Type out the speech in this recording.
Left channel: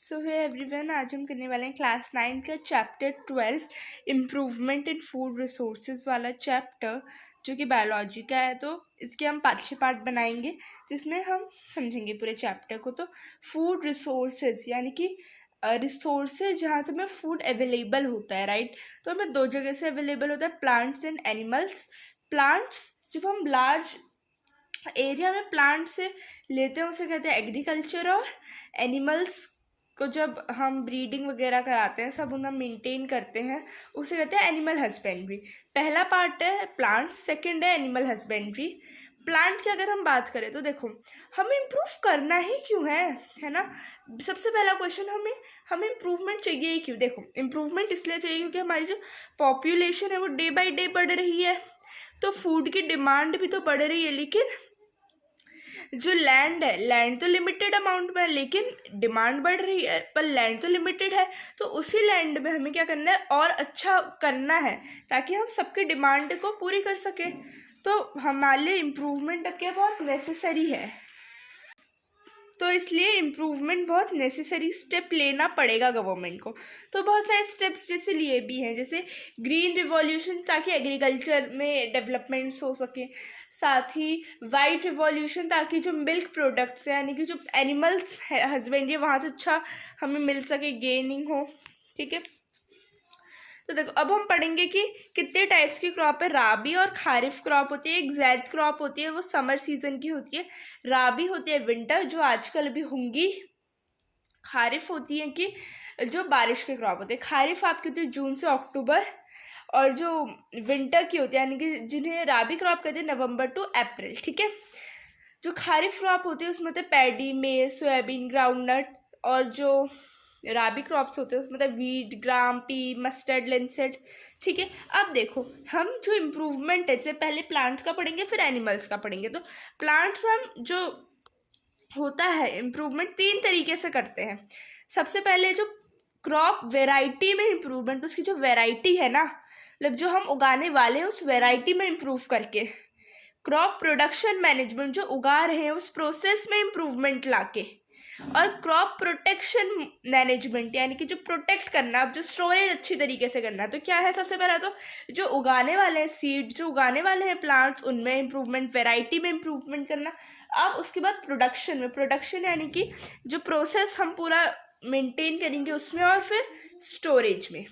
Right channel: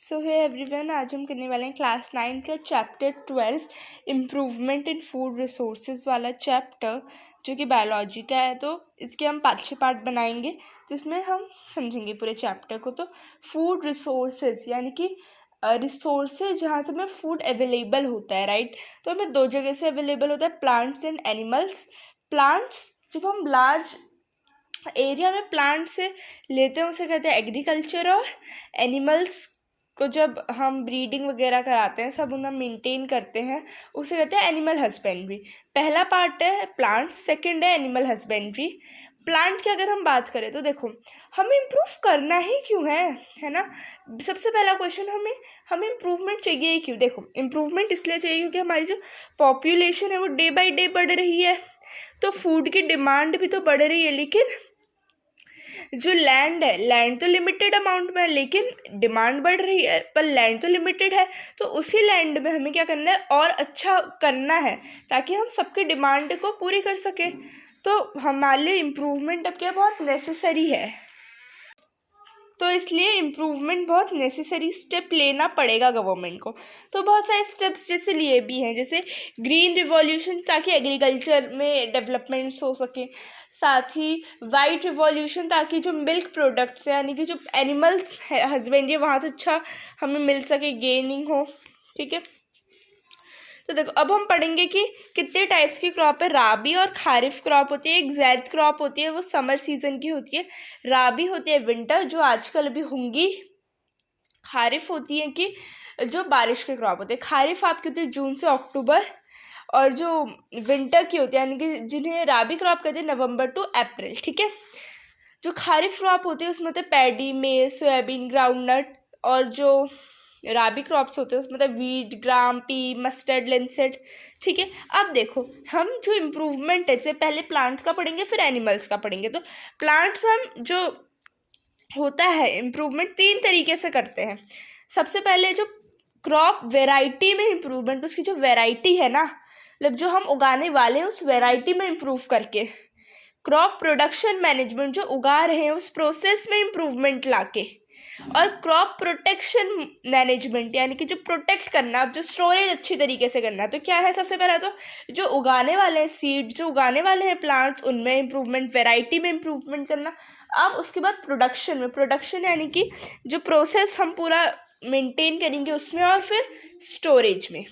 सो है एवरीवन, आज हम करने वाले हैं क्लास 9 का chapter 12 improvement in food resources वाला चैप्टर, जो कि बायोलॉजी का है। तो इसके हम 5-6 पार्ट बनाएंगे जिसमें हम समझेंगे पूरे चैप्टर को। तो फूड रिसोर्सेज यानी कि रिसोर्सेज जहाँ से हमें फूड अवेलेबल होता है, राइट। तो हमें दो जगह से अवेलेबल होता है, प्लांट्स एंड एनिमल्स। प्लांट्स जब हम लार्ज एरिया में प्लांट से लेते हैं उसे कहते हैं एग्रीकल्चर, और एनिमल्स को जब हम ब्रीडिंग वगैरह कराते हैं, सब उन्हें मेंटेन करते हैं, उसे कहते हैं एनिमल हस्बेंड्री। पहला पार्ट है प्लांट, सेकंड है एनिमल हस्बेंड्री। प्लांट की अगर हम बात करें तो देखो, हमें इम्प्रूव करना ही क्यों है ना। सबसे पहला क्वेश्चन, हमें इम्प्रूवमेंट चाहिए ही क्यों। देखो, इम्प्रूवमेंट इसलिए चाहिए क्योंकि हमारी जो पॉपुलेशन है वो डे बाई डे बढ़ रही है, तो फूड की डिमांड भी तो बढ़ रही है। लेकिन जो लैंड है, लैंड तो लिमिटेड अमाउंट में है, लेकिन डिमांड बढ़ रही है, पर लैंड तो लिमिटेड है। तो उसी लैंड में हमें क्या करना है, और अच्छा करना है ताकि हम सबके डिमांड को पूरी कर सके। तो हमारे लिए इम्प्रूवमेंट अब क्या बहुत नेसेसरी है, तो इसलिए इम्प्रूवमेंट बहुत नेसेसरी स्टेप लेना पड़ेगा गवर्नमेंट को। तो बहुत सारे स्टेप्स जैसे लिए भी हैं, जैसे ग्रीन रिवॉल्यूशन ताकि एग्रीकल्चर में डेवलपमेंट्स हो सके, साथ ही वाइट रिवॉल्यूशन ताकि जो मिल्क प्रोडक्ट्स हैं यानी कि जो एनिमल्स हस्बेंड्री वहाँ से अच्छा हमें मिल सके, गेनिंग हो, ठीक है। तो देखो, अब हम पढ़ेंगे कि कितने टाइप्स की क्रॉप है। राबी और खारिफ क्रॉप होती है। एक जैद क्रॉप होती है, वो समर सीजन की होती है। राबी होती है विंटर, जो आजकल भी होंगी। खारिफ होती है कि जो बारिश के क्रॉप होते हैं। खारिफ आपकी होती है जून से अक्टूबर, और जो विंटर की होती है यानी कि जिन्हें राबी क्रॉप कहते हैं नवंबर टू अप्रैल, ठीक है। जो खारिफ क्रॉप होती है उसमें होते हैं पैडी, मेज, सोयाबीन, ग्राउंडनट, और जो राबी क्रॉप्स होते हैं उसमें होता है वीट, ग्राम, पी, मस्टर्ड, लिंसेट, ठीक है। अब देखो, हम जो इम्प्रूवमेंट है, जैसे पहले प्लांट्स का पढ़ेंगे फिर एनिमल्स का पढ़ेंगे। तो प्लांट्स में हम जो होता है इम्प्रूवमेंट 3 तरीके से करते हैं। सबसे पहले जो क्रॉप वेराइटी में इम्प्रूवमेंट, उसकी जो वेराइटी है ना, मतलब जो हम उगाने वाले हैं उस वेराइटी में इम्प्रूव करके। क्रॉप प्रोडक्शन मैनेजमेंट, जो उगा रहे हैं उस प्रोसेस में इम्प्रूवमेंट लाके। और क्रॉप प्रोटेक्शन मैनेजमेंट यानी कि जो प्रोटेक्ट करना, अब जो स्टोरेज अच्छी तरीके से करना। तो क्या है, सबसे पहला तो जो उगाने वाले हैं सीड, जो उगाने वाले हैं प्लांट्स, उनमें इम्प्रूवमेंट, वेराइटी में इम्प्रूवमेंट करना। अब उसके बाद प्रोडक्शन में, प्रोडक्शन यानी कि जो प्रोसेस हम पूरा मेंटेन करेंगे उसमें, और फिर स्टोरेज में।